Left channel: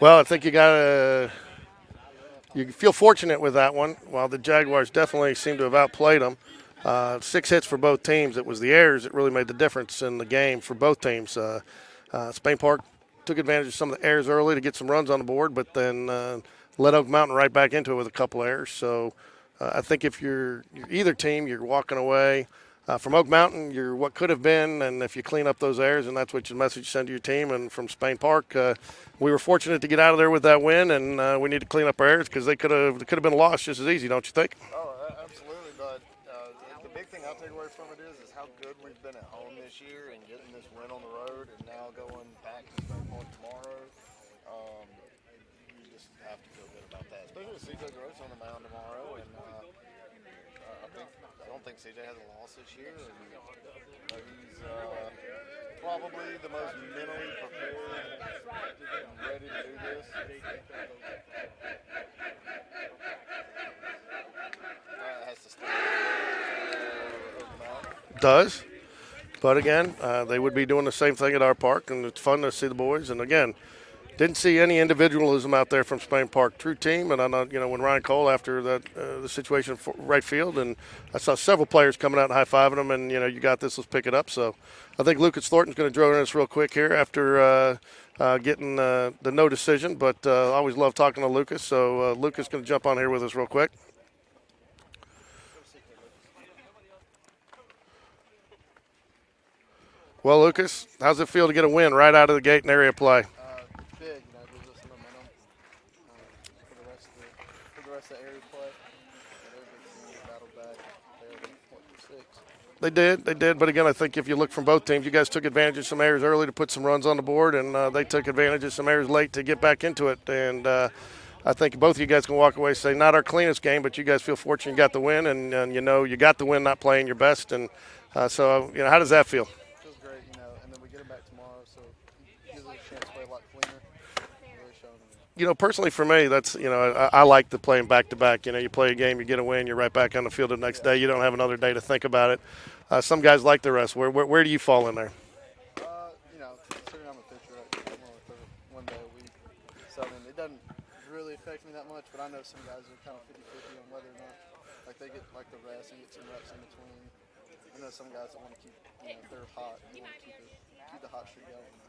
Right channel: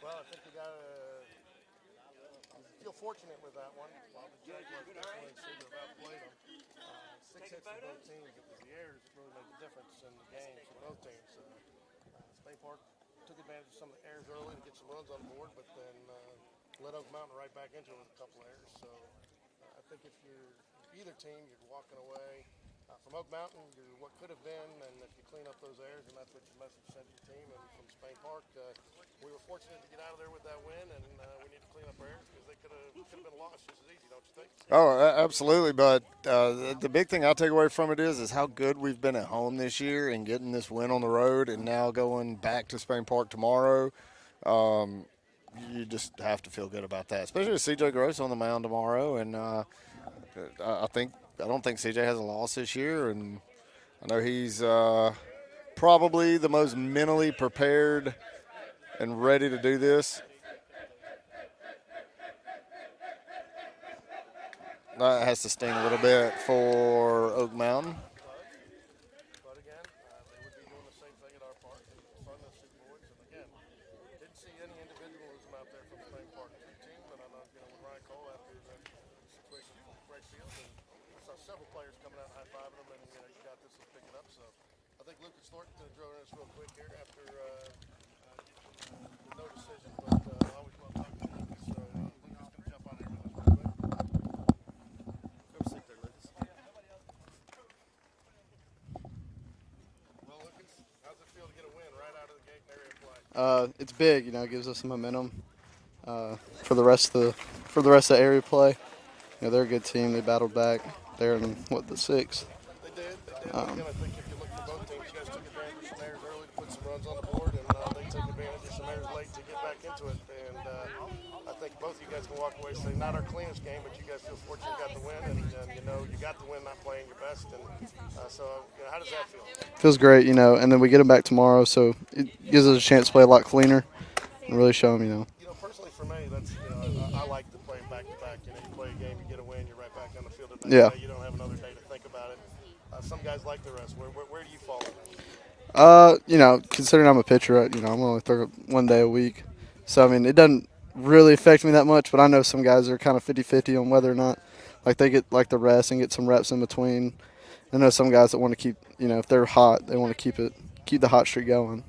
Well, I think you feel fortunate with that one. While the Jaguars definitely seem to have outplayed them, 6 hits for both teams. It was the errors that really made the difference in the game for both teams. Spain Park took advantage of some of the errors early to get some runs on the board, but then led Oak Mountain right back into it with a couple errors. So I think if you're either team, you're walking away. From Oak Mountain, you're what could have been, and if you clean up those errors, and that's what your message you send to your team. And from Spain Park, we were fortunate to get out of there with that win, and we need to clean up our errors because they could have been lost just as easy, don't you think? Oh, absolutely. But the big thing I take away from it is how good we've been at home this year and getting this win on the road, and now going back to Spain Park tomorrow. You just have to feel good about that, especially with C.J. Gross on the mound tomorrow. And I don't think C.J. has a loss this year, and I know he's probably the most mentally prepared and ready to do this. That has to sting a little bit for Oak Mountain. Does. But again, they would be doing the same thing at our park, and it's fun to see the boys. And again, didn't see any individualism out there from Spain Park. True team, and I know, when Ryan Cole after that the situation for right field, and I saw several players coming out and high-fiving them, and, you got this, let's pick it up. So I think Lucas Thornton's going to drill in us real quick here after getting the no decision. But I always love talking to Lucas. So Lucas is going to jump on here with us real quick. Well, Lucas, how's it feel to get a win right out of the gate in area play? It's big, it gives us some momentum for the rest of the area play. They're a good team. They battled back. They're in the sixth. They did. But again, I think if you look from both teams, you guys took advantage of some errors early to put some runs on the board, and they took advantage of some errors late to get back into it. And I think both of you guys can walk away and say, not our cleanest game, but you guys feel fortunate you got the win, and you got the win not playing your best. And so how does that feel? Feels great, and then we get them back tomorrow, so it gives us a chance to play a lot cleaner and really show them, Personally for me, that's, I like the playing back-to-back. You play a game, you get a win, you're right back on the field the next day. You don't have another day to think about it. Some guys like the rest. Where do you fall in there? Considering I'm a pitcher, I'm only throw 1 day a week. So, it doesn't really affect me that much, but I know some guys are kind of 50-50 on whether or not, they get, the rest and get some reps in between. I know some guys that want to keep, if they're hot, they want to keep the hot streak going.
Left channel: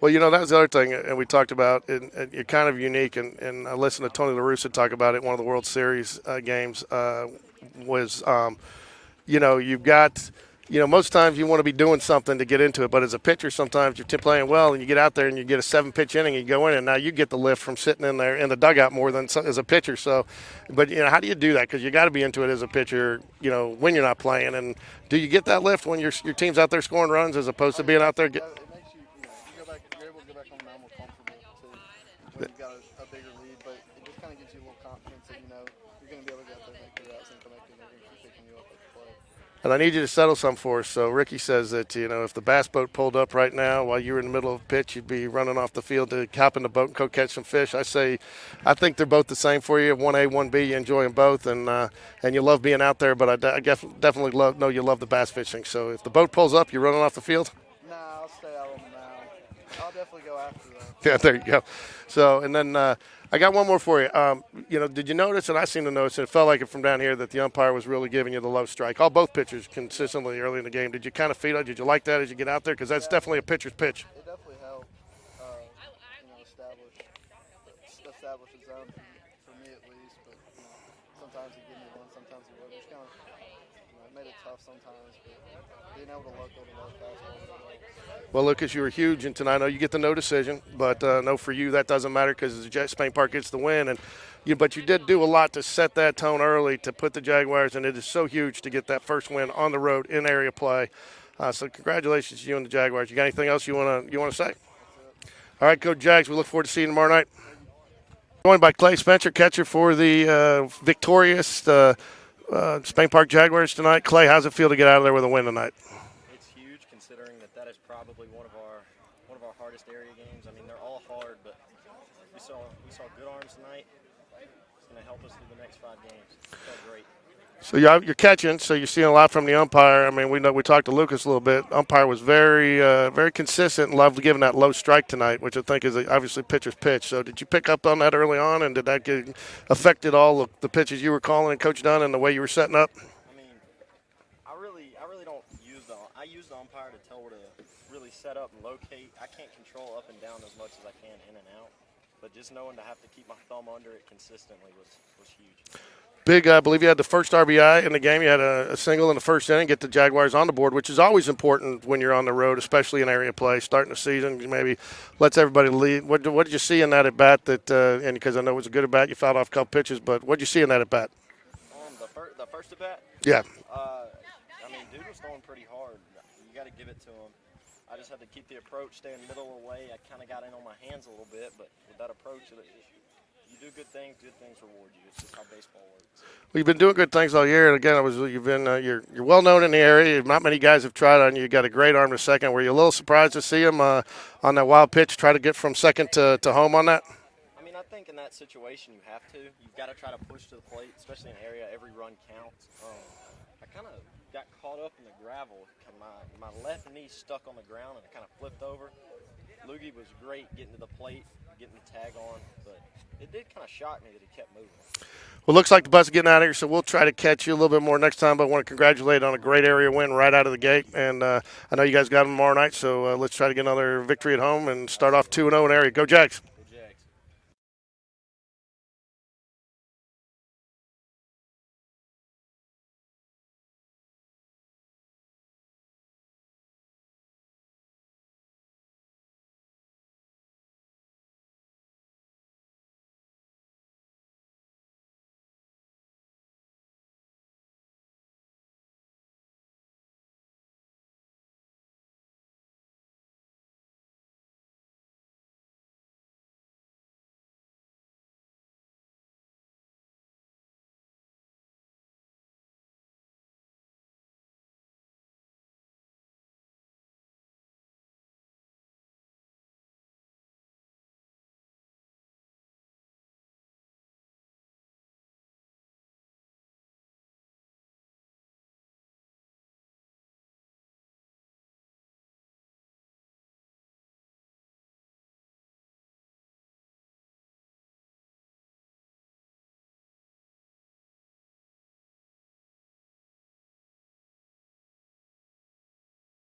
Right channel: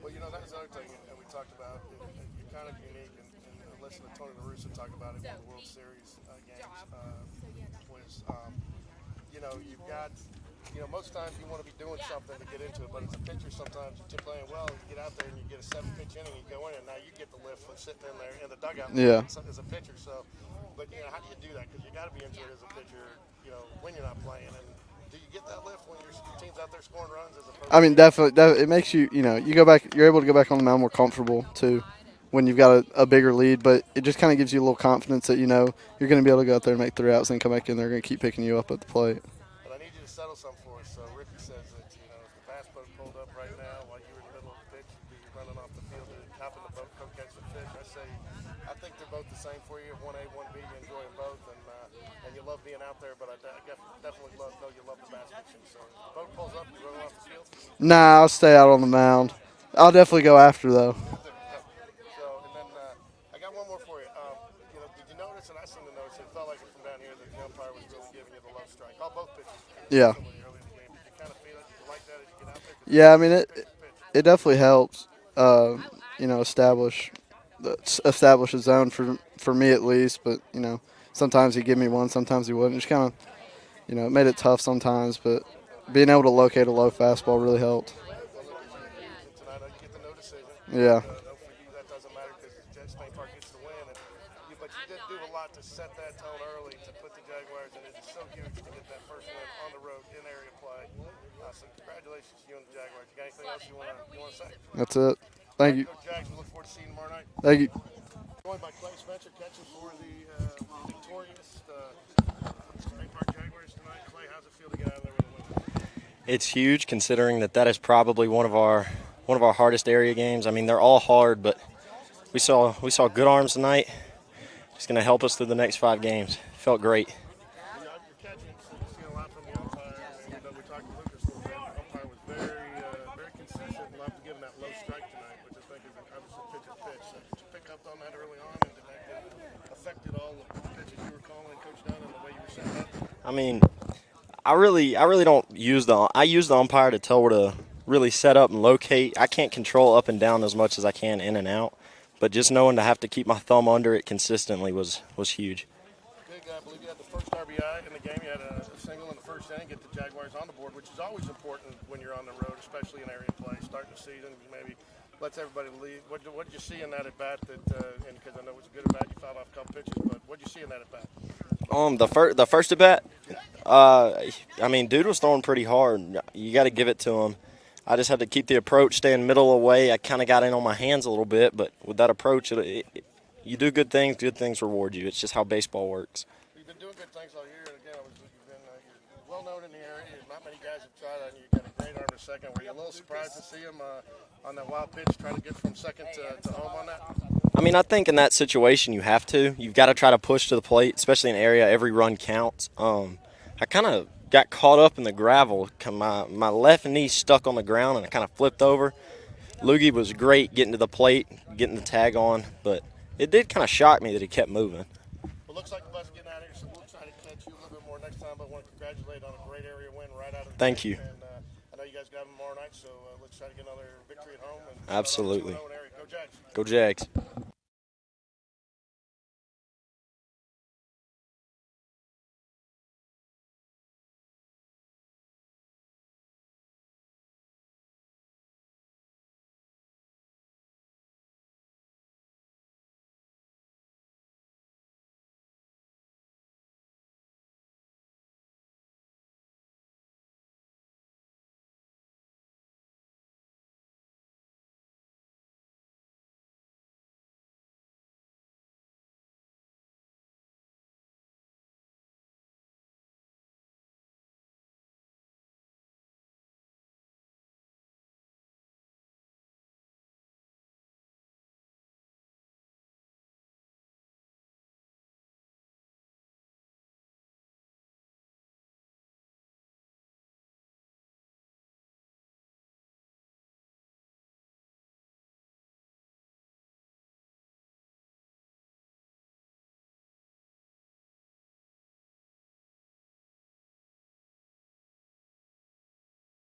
Well, that's the other thing, and we talked about, and you're kind of unique, and I listened to Tony La Russa talk about it. One of the World Series games was, you've got, most times you want to be doing something to get into it, but as a pitcher, sometimes you're playing well, and you get out there and you get a 7-pitch inning, and you go in, and now you get the lift from sitting in there in the dugout more than as a pitcher. So, but how do you do that? Because you got to be into it as a pitcher, when you're not playing. And do you get that lift when your team's out there scoring runs as opposed to being definitely, out there? It makes you, you go back, you're able to go back on the mound more comfortable too when you've got a bigger lead, but it just kind of gives you a little confidence that, you're going to be able to go out there and make 3 outs and come back in. They're going to keep picking you up at the plate. And I need you to settle some for us. So Ricky says that, if the bass boat pulled up right now while you were in the middle of a pitch, you'd be running off the field to hop in the boat and go catch some fish. I think they're both the same for you. 1A, 1B, you enjoy them both, and you love being out there. But I definitely know you love the bass fishing. So if the boat pulls up, you're running off the field? Nah, I'll stay out on the mound. I'll definitely go after, though. Yeah, there you go. So, and then I got one more for you. Did you notice, and I seem to notice, it felt like it from down here, that the umpire was really giving you the low strike. Both pitchers consistently early in the game. Did you kind of feel it? Did you like that as you get out there? Because that's definitely a pitcher's pitch. It definitely helps, establish a zone for me at least. But, sometimes he'd give me one, sometimes he wouldn't. Just kind of, it made it tough sometimes. But being able to locate a low fastball really helped. Well, Lucas, you were huge, and tonight I know you get the no decision, but no, for you that doesn't matter because Spain Park gets the win. And but you did do a lot to set that tone early to put the Jaguars, and it is so huge to get that first win on the road in area play. So congratulations to you and the Jaguars. You got anything else you want to say? That's it. All right, Coach Jags, we look forward to seeing you tomorrow night. Thank you. Joined by Clay Spencer, catcher for the victorious Spain Park Jaguars tonight. Clay, how's it feel to get out of there with a win tonight? It's huge considering that is probably one of our hardest area games. They're all hard, but we saw good arms tonight. It's going to help us through the next 5 games. Felt great. So you're catching, so you're seeing a lot from the umpire. I mean, we talked to Lucas a little bit. Umpire was very very consistent and loved giving that low strike tonight, which I think is obviously pitcher's pitch. So did you pick up on that early on, and did that affected all of the pitches you were calling and Coach Dunn and the way you were setting up? I mean, I really don't use the umpire to tell where to really set up and locate. I can't control up and down as much as I can in and out, but just knowing to have to keep my thumb under it consistently was huge. Big, I believe you had the first RBI in the game. You had a single in the first inning, get the Jaguars on the board, which is always important when you're on the road, especially in area play. Starting the season, maybe lets everybody lead. What did you see in that at bat? And because I know it was a good at bat, you fouled off a couple pitches, but what did you see in that at bat? The first at bat. Yeah. I mean, dude was throwing pretty hard. You got to give it to him. I just had to keep the approach, staying middle away. I kind of got in on my hands a little bit, but with that approach, you do good things reward you. It's just how baseball works. Well, you've been doing good things all year, and again, you're well known in the area. Not many guys have tried on you. You got a great arm to second. Were you a little surprised to see him on that wild pitch, try to get from second to home on that? I mean, I think in that situation you have to. You've got to try to push to the plate, especially in an area every run counts. I kind of got caught up in the gravel. My left knee stuck on the ground, and I kind of flipped over. Loogie was great getting to the plate, getting the tag on, but it did kind of shock me that he kept moving. Well, looks like the bus is getting out of here, so we'll try to catch you a little bit more next time. But I want to congratulate on a great area win right out of the Thank gate. you. And I know you guys got them tomorrow night, so let's try to get another victory at home and start Absolutely. off 2-0 in area. Go Jags. Go Jags.